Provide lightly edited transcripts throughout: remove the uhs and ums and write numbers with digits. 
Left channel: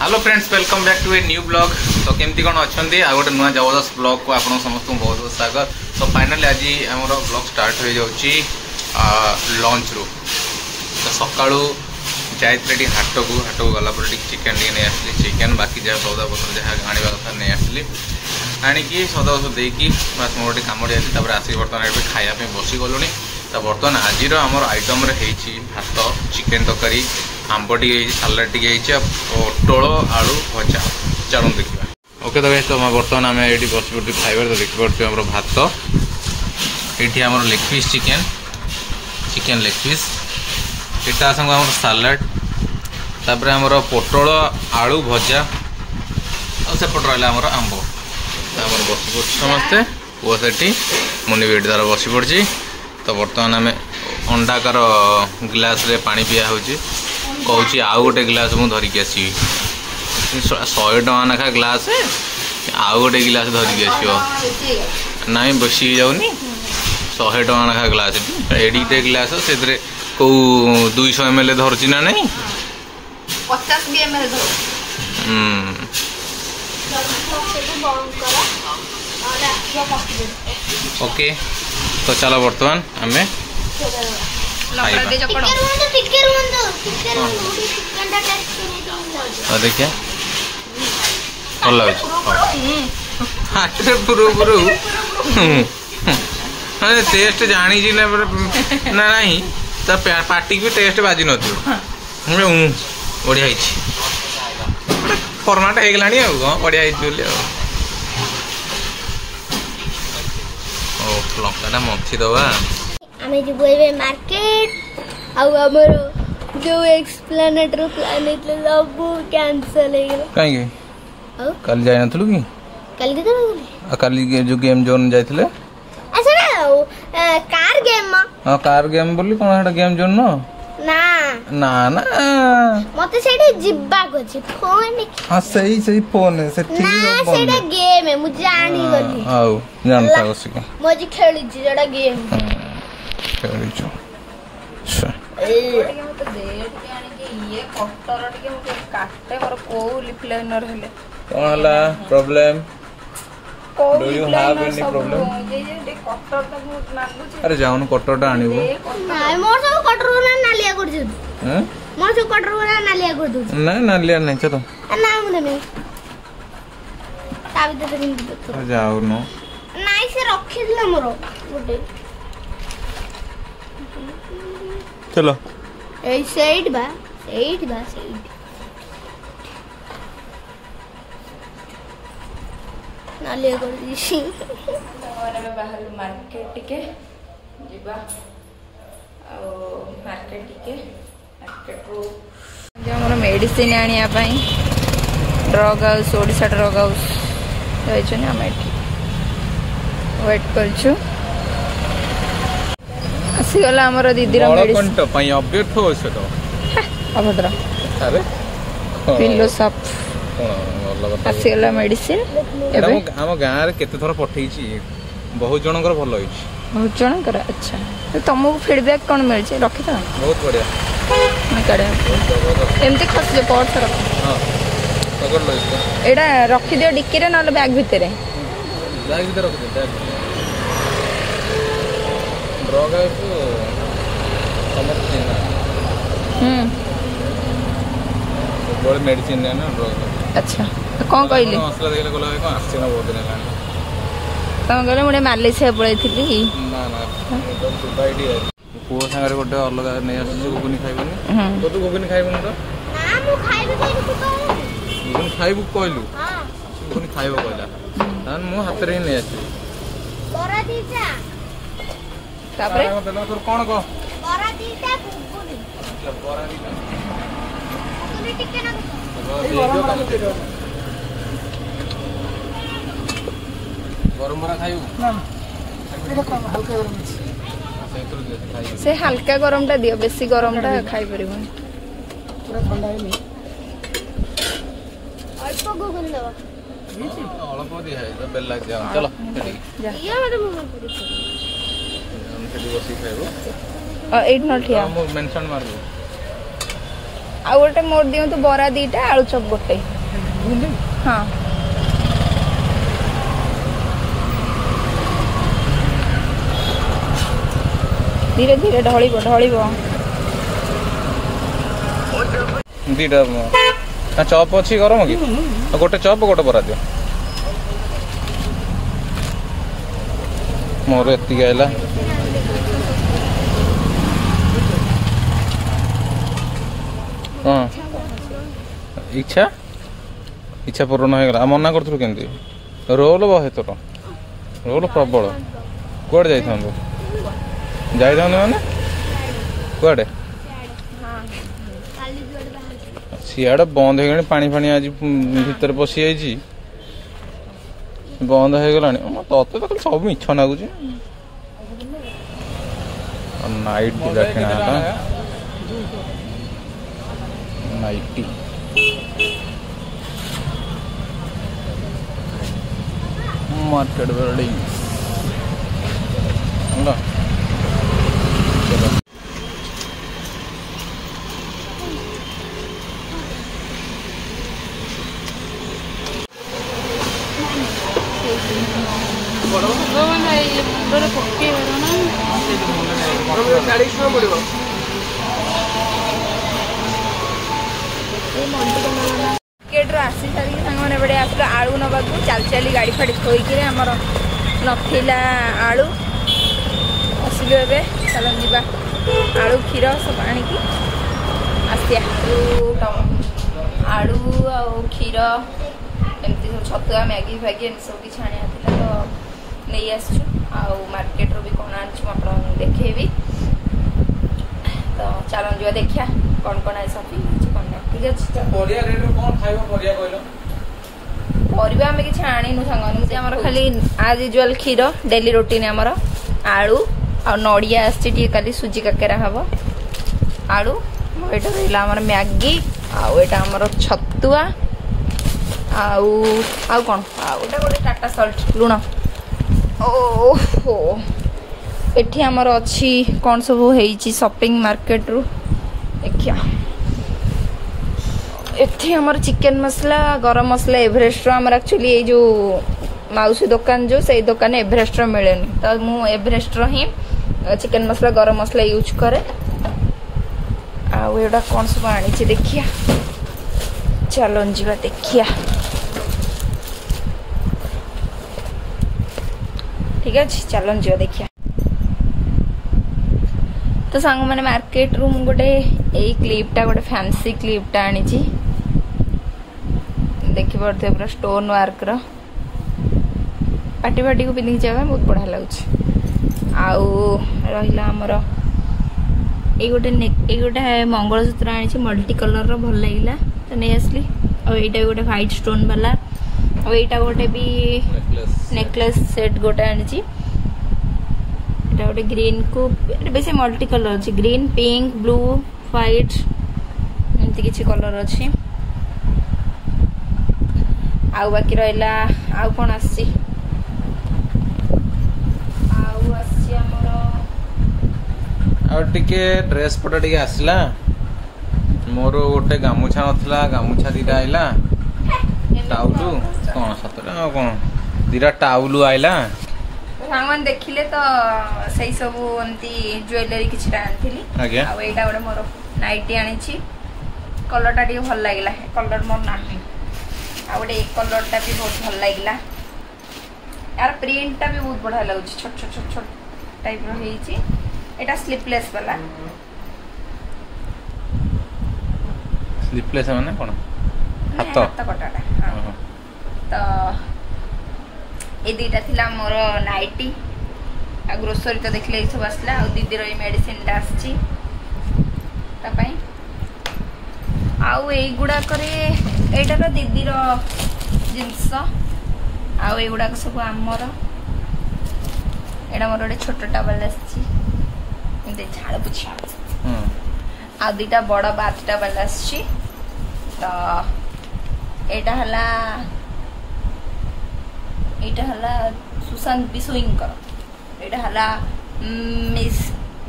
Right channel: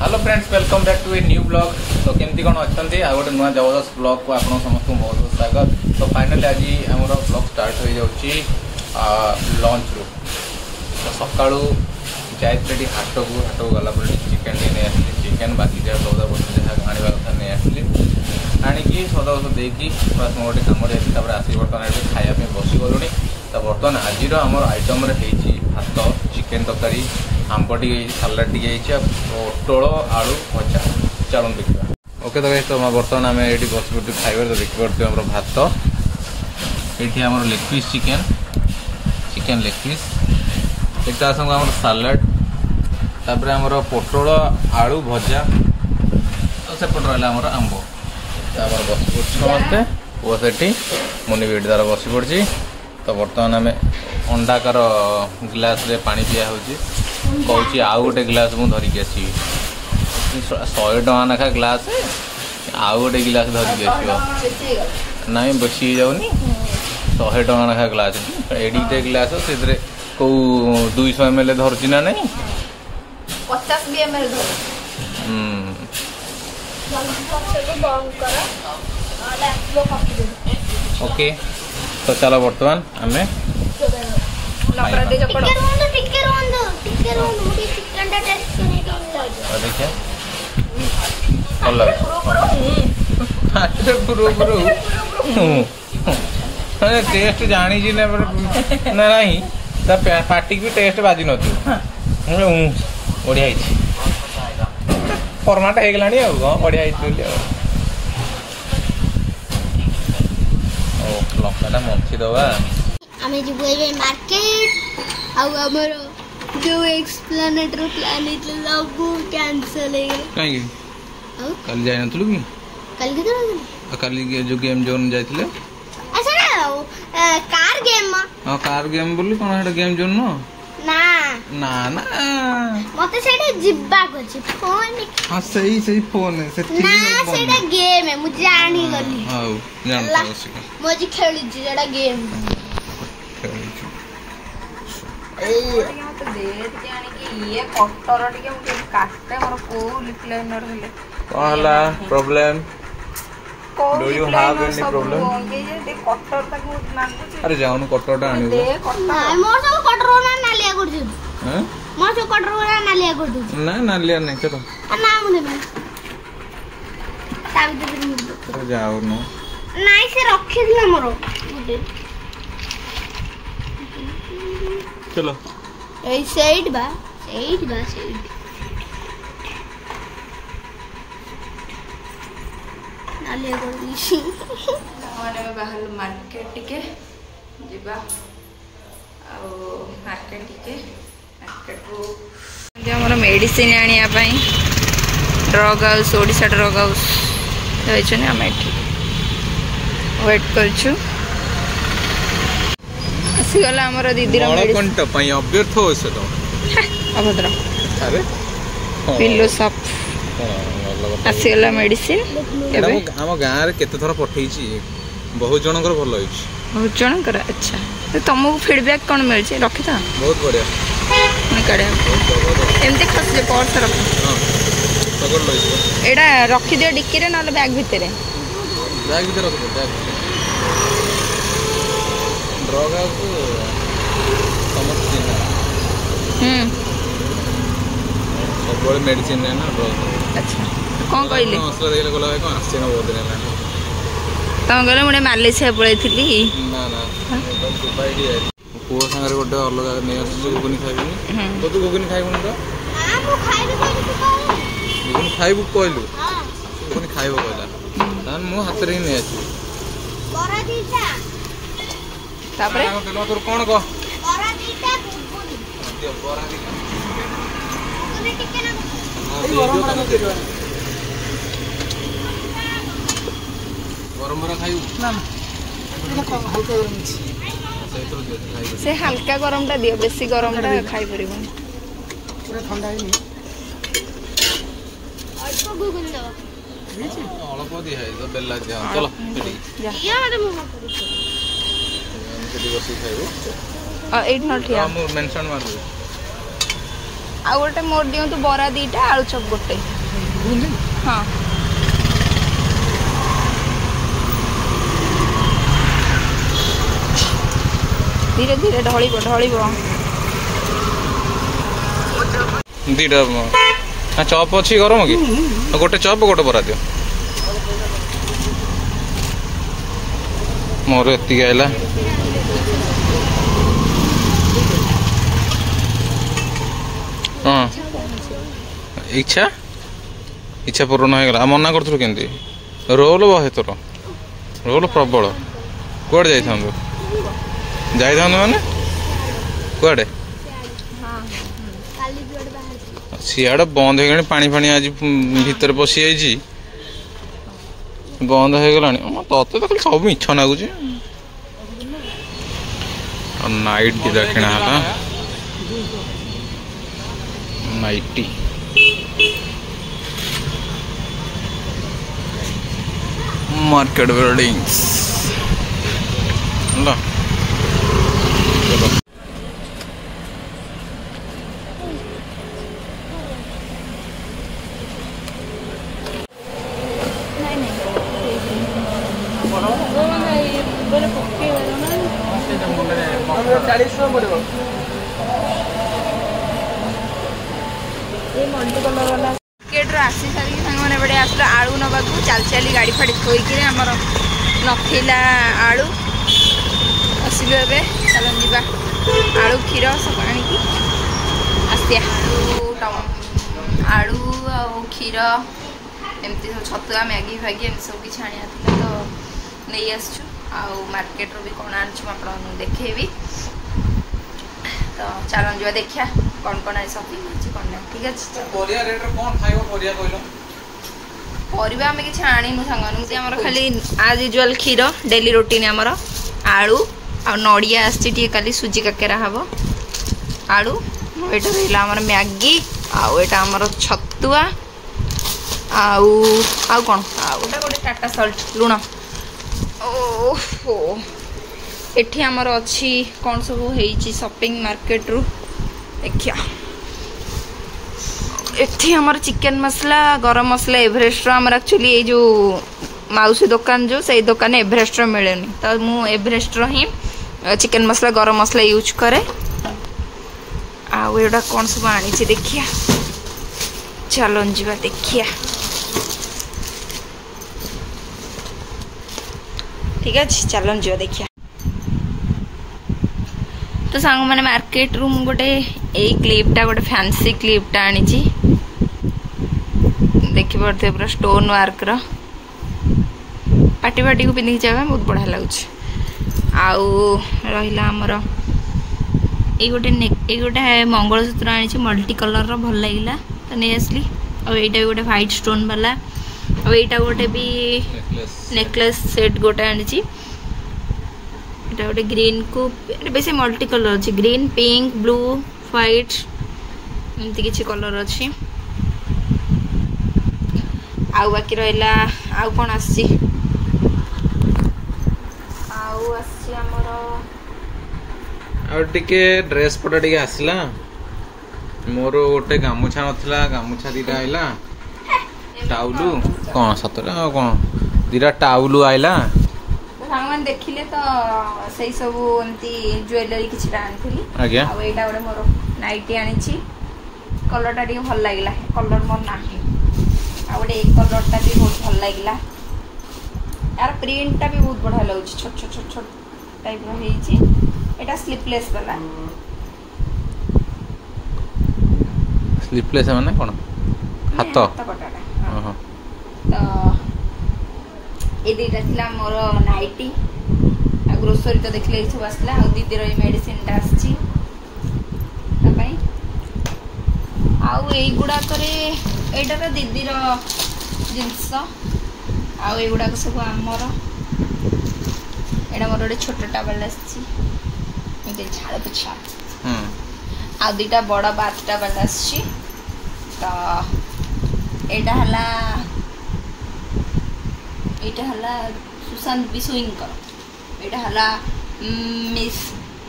Hello friends, welcome back to a new blog. तो केमती कौन अच्छा आ गोटे नुआ जबरदस्त ब्लॉग को आप समस्त बहुत बहुत स्वागत। तो फाइनाली आज आम ब्लॉग स्टार्ट हो जाऊँगी लंच रू। तो सका जाइए हाट को गला चिकेन टी नहीं आसली, चिकेन बाकी जहाँ सौदा पत्र जहाँ आने कथा नहीं आसली, आणिकी सौदा पत्र देकी बस मोर गोटे कम जाती आसिक बर्तमान ये खायापी बसी गलुनी। तो बर्तमान आज आमर आइटम भात, चिकेन तरकारी, आंब टी सालाड टी पोटल आलू भजा। चलो देखा। ओके तो तो बर्तमान आम ये बस पड़े खाइबार। तो देखिए आम भात, ये आम leg piece chicken leg piece, यहाँ संग आम सालाड, तापर आमर पोटल आलू भजा, सेपट रहा आमर आंब। आम बस पड़ समस्ते पुआ से मुनि भी तार बस पड़ी। तो बर्तमान आम अंडाकार गिलास रे पानी पिया हो कहूँ आउ गोटे गिलास मुझे धरिकी आसवि। 100 टका नाखा ग्लास आउ गोटे गिलास धरिकी आसो ना बेसी जाऊनी। 100 टका नाखा ग्लास एडिटे गिलास से कौ 200 ml धरची ना नहीं 50 ml ओके। तो चलो बर्तमान आम देखिए भल टेस्ट जानी ना नहीं पार्टी भी टेस्ट बाजी न बढ़िया फर्माट हो गला बढ़िया लंका मथी दवा आमे जो बोइबे मार्केट आउ हमर जो एक्सप्लेनेट रो प्लान इतले सब कैंसिल हो गेल। काहे के कल जाय नथलु की कल के कल जो गेम जोन जाइतले अच्छा ना कार गेम हां कार गेम बोली कोन हटा गेम जोन न ना ना ना मते सेडे जिब्बा को छी फोन हां सही सही फोन है से ठीक ना सेडे गेम है मुझे जानी गली हां जानता उसी को मोजी खेलु छी जेडा गेम खेलु छी तो देर के आनी कि ये कटर टिके मुके काटे मोर को लिप लाइनर हेले कहला प्रॉब्लम। को do you have any problem? ये जे कटर तक मुझ मानबु अरे जाउन कटरटा आनिबो ना मोर सब कटर ना नालिया कर दू हैं मोर सब कटर ना नालिया कर दू ना नालिया नहीं चलो ना मुने ताबी दे दे जाउ न नाइ से रखि दिला मोर गुटे चलो ए साइड बा साइड नालिया कर दीसी माने में बाहर मार्केट टिके जिबा आ मार्केट टिके मार्केट को जे हमर मेडिसिन आनिया पई drug house Odisha drug house जाइछने हम एठी वेट करछु। आसीगला हमर दीदी कंट पई अपडेट हो से तो अभद्र अरे पिल्लो साप आसीगला मेडिसिन एबे हम गाँव रे केते थोर पठेई छी बहुत जनकर भल होई छी बहुत जनकर। अच्छा तो तुमको फीडबैक कौन मिल छी रखि था बहुत बढ़िया मैं काढे एमती खसले पर्स रख हां पकड़ लो इसको एडा रखि दियो डिक्की रे न बैग भीतर रख दो ड्रग है तो समझ नहीं है सब बड़े मेडिसिन है ना ड्रग। अच्छा तो कौन कहले मसला देले कोला को आसे ना बहुत दिन लानी तम गले मुडे मालिश हे पळै थिली ना ना दुबई डी पुओ संगे गोटे अलग नै आसी गुगुनी खाइबनी तो तू गुगुनी खाइबनी तो ना मु खाइबे कोइ तू गुगुनी खाइबू कहलु हां गुगुनी खाइबो कहला तान मु हाथ रे नै आसी बरा दीटा तापरे देलो तोर कोन को बरा दीटा गुगुनी बरा दीटा मुझे टिके ना गरम बरा खाइबू ना हल्का गरम से हल्का गरम टा दियो बेसी गरम टा खाइ परिबन पूरा ठंडा है नहीं अल्प गुगुनी देवा अल्प दिया है तो बेला जा चलो ये मते मुंह पड़ी एमके बसी खाइबो एट नॉट हिया हम मेंशन मारबो ଆଉ ଗୋଟେ ମୋର ଦିଅନ୍ତୁ ବରା 2ଟା ଆଳୁ ଚପ୍ ଗୋଟେ। ହଁ ଧୀରେ ଧୀରେ ଢଳିବ ଢଳିବ। 2ଟା ଚପ୍ ଅଛି ଗରମ କି? ଗୋଟେ ଚପ୍ ଗୋଟେ ବରା ଦିଅ। ମୋର ଏତିକି ଆଇଲା। ହଁ ଇଚ୍ଛା ପୂରଣ ହେଇଗଲା। ଆଉ ମନା କରୁଥିଲୁ କେମିତି? ରୋଲ୍ ବହେ ତୋର, ରୋଲ୍ ପ୍ରବଳ। କୁଆଡ଼େ ଯାଇଥାନ୍ତୁ ମାନେ କୁଆଡ଼େ? ସିଆଡ଼େ ବନ୍ଦ ହେଇଗଲାଣି, ପାଣି ଫାଣି ଆଜି ଭିତରେ ପଶି ଯାଇଛି, ବନ୍ଦ ହେଇଗଲାଣି। ତତେ ତ ଖାଲି ସବୁ ମିଛ ଲାଗୁଛି। ନାଇଟ୍ ଦିଟା କିଣା ହେଲା, ନାଇଟି। मार्केट बिल्डिंग्स चलो मार्केट आसी सारी मैंने बड़े आसला आलू नवा चल चली गाड़ी फाड़ी थोक आमर नथिला आलू आसलु ए चल जा आलू क्षीर सब आणिकी आसिया आलू आ क्षीर एमती सब छतुआ मैगी फैगी एम सब किसी आना तो नहीं आसचु आउ मार्केट रू भी कौन आनी आप देखेबी। तो चलो जा देखिया कौन कौन आई शॉपिंग कौन ना ठीक है। परिवा आम कि आणीनु सांगे आमर खाली आज यूजुआल क्षीर डेली रूटीन आमर आलू आ नड़िया आसी खाली सुजी काकेरा हम आलू एटा रहा आमर मैगी आटा आमर छतुआ आउ कौन आउटा गोटे टाटा सल्ट लुण ओहो एठी आमर अच्छी कौन सब होइची शॉपिंग मार्केट रू देखिया। एठी आमर चिकन मसला गरम मसला एवरेस्ट आमर एक्चुअली ये जो माउसी दुकान जो से दुकान एवरेस्ट मिलेनी तो मु एवरेस्ट ही चिकन मसला गरम मसला यूज करे। आउटा कौन सब आनी देखिया चलो जा देखिया ठीक है चलो जा देखिया। तो सांग मैंने मार्केट रू गोटे यही क्लिपटा गोटे फैंसी क्लिपटा आनी देखिए पूरा स्टोन वर्क पार्टी पार्टी को पिंधिक जाए बहुत बढ़िया लगुच। आउ रहा आमर ये गोटे मंगलसूत्र आनी मल्टी कलर भल लगे तो नहीं आसली। आईटा गोटे व्हाइट स्टोन वाला आईटा गोटे भी नेकलेस सेट गोटे आनी गोटे ग्रीन को बेसी मल्टी कलर अच्छी ग्रीन पिंक ब्लू व्हाइट एमती किसी कलर अच्छी। आउ बाकी रहा आउ कौन आसी ड्रेस पटा टे आसला मोर गोटे गामुछा नथिला गामुछा दीटा आइला टाउलू कौन सतरा कौन दीटा टाउलू आइला सांग देखिले तो सही सब एमती ज्वेलरी किसी आनी आईटा गोटे मोर नाइटी आनी कलर टा भल लगे कलर मोर ना गोटे ये कलर टा भी बहुत भल लगे यार प्रिंट टा भी बहुत बढ़िया लगे छोट छोट छोट छोट टाइप रहा स्लीपलेस वाला स्लीपलेस माने कोन हाथ कटाटा हां तो ये दीटा थिला मोर नाइटी आ ग्रोसरी तो देखले सब आसला आ दीदी रो मेडिसिन टा आछि तपई आउ एई गुडा करे एटा तो दीदी रो जिंस आउ एई गुडा सब हमर एटा मोर ओडे छोटा टावल आछि एते झाड़ पुछा आ दीटा बड़ा बात टावल आछि तो एटा हला एटा हला सुशांत बिसुईंकर एटा हला मिस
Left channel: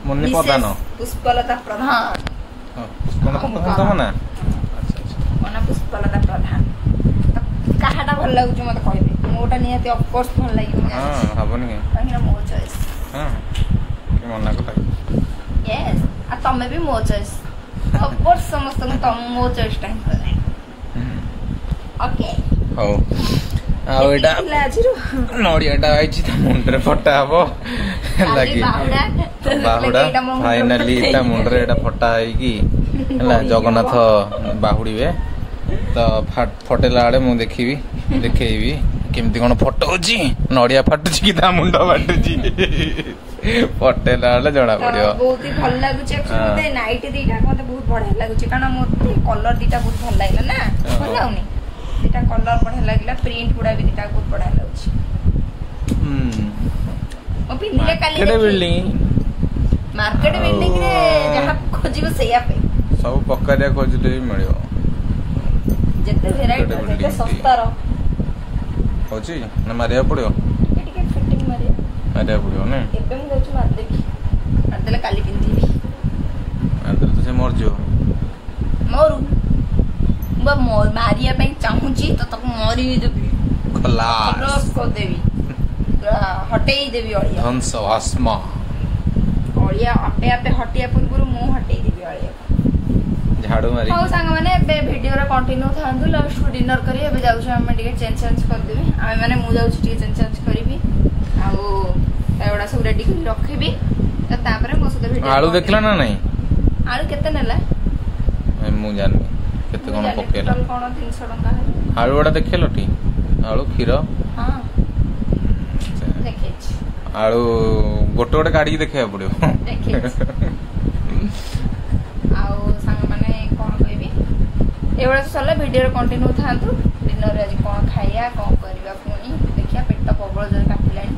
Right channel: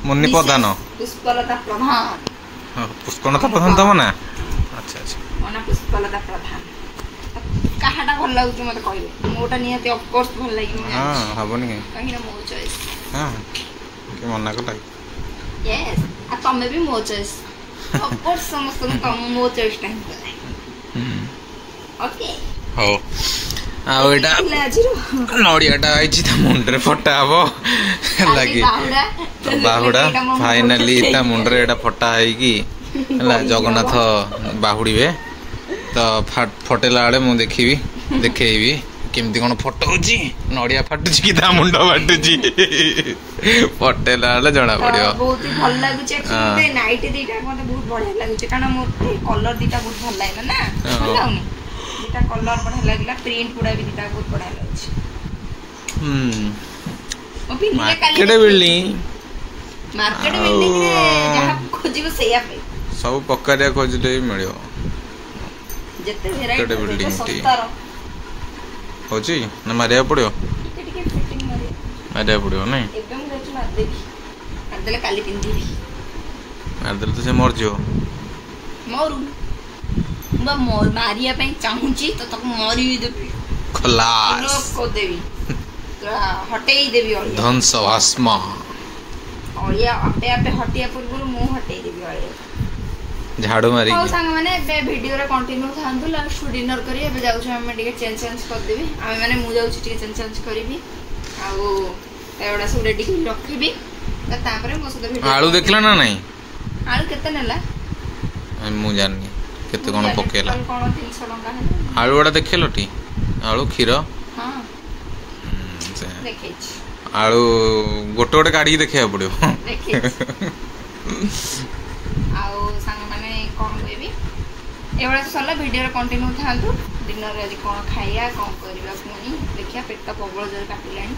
मुन्नी प्रधान पुष्पलता प्रधान हां पुष्पलता प्रधान तब ना ମୋ ନାଁ ପୁଷ୍ପଲତା ପ୍ରଧାନ। କାହାଟା ଭଲ ଲାଗୁଛି ମତେ କହିବେ। ମୋଟା ନିହାତି ଅଫକୋର୍ସ ଭଲ ଲାଗିବ। ହଁ ହବନି କାହିଁକି ନା ମୋ ଚଏସ୍। ହଁ କି ମନା କଲା ୟେସ୍ ଆଉ ତମେ ବି ମୋ ଚଏସ୍। ଅଫକୋର୍ସ ସମସ୍ତଙ୍କୁ ମୋ ଚଏସ୍ ଟା ଓକେ ହଉ। ଆଉ ଏଇଟା ନଡ଼ିଆଟା ଆଇଛି ତା ମୁଣ୍ଡରେ ଫଟା ହବ ଲାଗି ବାହୁଡ଼ା ଫାଇନାଲି ତା ମୁଣ୍ଡରେ ଏଇଟା ଫଟା ହେଇକି ହେଲା ଜଗନ୍ନାଥ ବାହୁଡ଼ିବେ ତ ଫଟେଇଲା ବେଳେ ମୁଁ ଦେଖିବି ଦେଖେଇବି କେମିତି କ'ଣ ଫଟଉଛି ନଡ଼ିଆ ଫାଟୁଛି କି ତା ମୁଣ୍ଡ ଫାଟୁଛି ଫଟେଇଲା ବେଳେ ଜଣା ପଡ଼ିବ। ବହୁତ ଭଲ ଲାଗୁଛି ମତେ ନାଇଟ୍ ଦିଟା ମତେ ବହୁତ ବଢିଆ ଲାଗୁଛି କାରଣ ମୋତେ କଲର ଦିଟା ବହୁତ ଭଲ ଲାଗିଲା ନା ଭଲ ଲାଗୁନି ଦିଟା କଲର ବଢିଆ ଲାଗିଲା ପ୍ରିଣ୍ଟ ଗୁଡା ବି ଦିଟା ବହୁତ ବଢିଆ ଲାଗୁଛି। ମୁଁ ପିନ୍ଧିଲେ କାଲି ମାର୍କେଟ ବିଲ୍ଡିଂ ରେ ଯାହା ଖୋଜିବ ସେଇଆ ପାଇଁ ସବୁ ପକାରିଆ ଖୋଜିଲେ ବି ମିଳିବ। ଯେତେ ଭେରାଇଟି ଯେତେ ଶସ୍ତାର ହଉଛି ନା ମାରିବାକୁ ପଡ଼ିବ ଟିକେ ଟିକେ ଫିଟିଂ ମାରିବାକୁ ପଡ଼ିବ ନାଇଁ ଏବେ ମୁଁ ଯାଉଛି ମାରିଦେବି ମାରିଦେଲେ କାଲି ପିନ୍ଧିବି ମାରିଦେଲେ ତ ସେ ମରିଯିବ ମରୁ ମୁଁ ମାରିବା ପାଇଁ ଚାହୁଁଛି ତ ତାକୁ ମରି ଦେବି ଖଲାସ କରିଦେବି ହଟେଇ ଦେବି ଅଳିଆ ଧ୍ୱଂସ ଭସ୍ମ ଅଳିଆ ଆପେ ଆପେ ହଟିବା ପୂର୍ବରୁ ମୁଁ ହଟେଇ ଦେବି ଅଳିଆ ଝାଡୁ ମାରି। ହଉ ସାଙ୍ଗମାନେ ଏବେ ଭିଡ଼ିଓରେ କଣ୍ଟିନ୍ୟୁ ଥାନ୍ତୁ ଲାଷ୍ଟକୁ ଡିନର କରି ଏବେ ଯାଉଛୁ ଆମେ ଟିକେ ଚେଞ୍ଜ କରିଦେବି ଆମେ ମାନେ ମୁଁ ଯାଉଛି ଟିକେ ଚେଞ୍ଜ କରିବି ଆଉ ଏଗୁଡ଼ା ସବୁ ରେଡି କରି ରଖିବି ତାପରେ ମୋ ସହିତ ଭିଡ଼ିଓ ଆଳୁ ଦେଖିଲା ନା ନାଇଁ ଆଳୁ କେତେ ନେଲା ମୁଁ ଜାଣିନି କେତେ କ'ଣ ପକେଇଲା କ'ଣ 300 ଟଙ୍କା ହେଲା ଆଳୁ ଗୁଡ଼ା ଦେଖେଇଲ ଟି ଆଳୁ କ୍ଷୀର ହଁ ଦେଖେଇଛି ଆଳୁ ଗୋଟେ ଗୋଟେ କାଢିକି ଦେଖିବାକୁ ପଡ଼ିବ ଆଉ ସାଙ୍ଗମାନେ କ'ଣ କହିବି ଏଭଳିଆ ସରିଲା ଭିଡ଼ିଓରେ କଣ୍ଟିନ୍ୟୁ ଥାନ୍ତୁ ଡିନରରେ ଆଜି କ'ଣ ଖାଇବା କ'ଣ କରିବା ପୁଣି ଦେଖିବା ପେଟ ପ୍ରବଳ ଜୋରେ କାଟିଲାଣି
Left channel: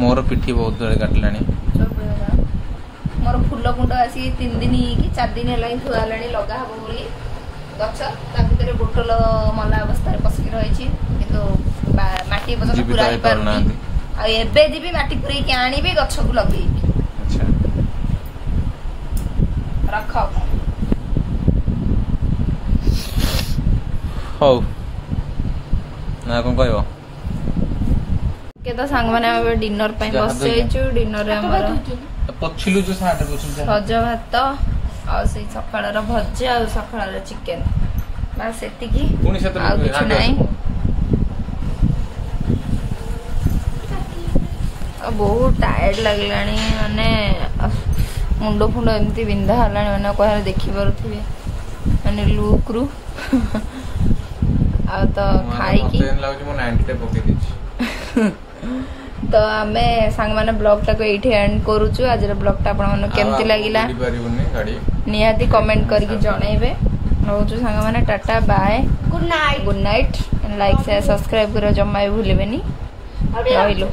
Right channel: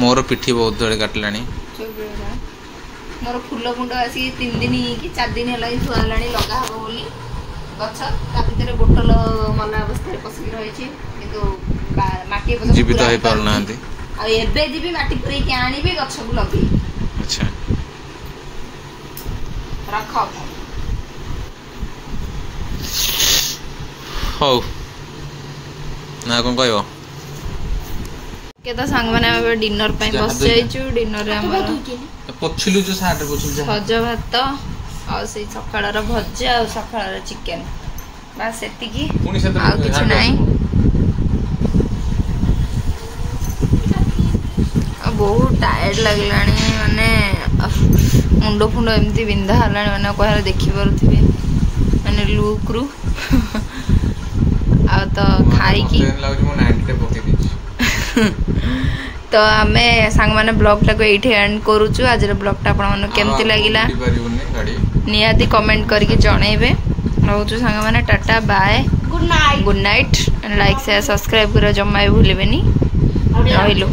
ମୋର ପିଠି ବହୁତ ଜୋରେ କାଟିଲାଣି ମୋର ଫୁଲ କୁଣ୍ଡ ଆସିକି 3 ଦିନ କି 4 ଦିନ ହେଲା ଥୁଆ ହେଲାଣି ଲଗା ହବ ବୋଲି ଗଛ ତା ଭିତରେ ବୋଟଲ ମଲା ଅବସ୍ଥାରେ ପଶିକି ରହିଛି କିନ୍ତୁ ମାଟି ଜୀବିତ ହେଇପାରୁନାହାନ୍ତି ଆଉ ଏବେ ଯିବି ମାଟି ପୁରେଇକି ଆଣିବି ଗଛକୁ ଲଗେଇବି। ଆଚ୍ଛା ରଖ ହଉ ନା କ'ଣ କହିବ ତ ସାଙ୍ଗମାନେ ଆମେ ଡିନର ପାଇଁ ବସି ଯାଇଛୁ ଡିନରରେ ଆମର ସଜ ଭାତ ଆଉ ସେଇ ସକାଳର ଭଜା ଆଉ ସକାଳର ଚିକେନ ବାସ୍ ସେତିକି ଆଉ କିଛି ନାହିଁ ଆଉ ବହୁତ ଟାୟାର୍ଡ ଲାଗିଲାଣି ମାନେ ମୁଣ୍ଡ ଫୁଣ୍ଡ ଏମିତି ବିନ୍ଧା ହେଲାଣି ମାନେ କହିଲେ ଦେଖିପାରୁଥିବେ ମାନେ ଲୁକ୍ରୁ ଆଉ ତ ଖାଇକି ତ ଆମେ ସାଙ୍ଗମାନେ ବ୍ଲଗଟାକୁ ଏଇଠି ଏଣ୍ଡ କରୁଛୁ ଆଜିର ବ୍ଲଗଟା ଆପଣମାନଙ୍କୁ କେମିତି ଲାଗିଲା ନିହାତି କମେଣ୍ଟ କରିକି ଜଣେଇବେ ରହୁଛୁ ସାଙ୍ଗମାନେ tata bye good night like share subscribe କରିବା ଜମା ବି ଭୁଲିବେନି ରହିଲୁ।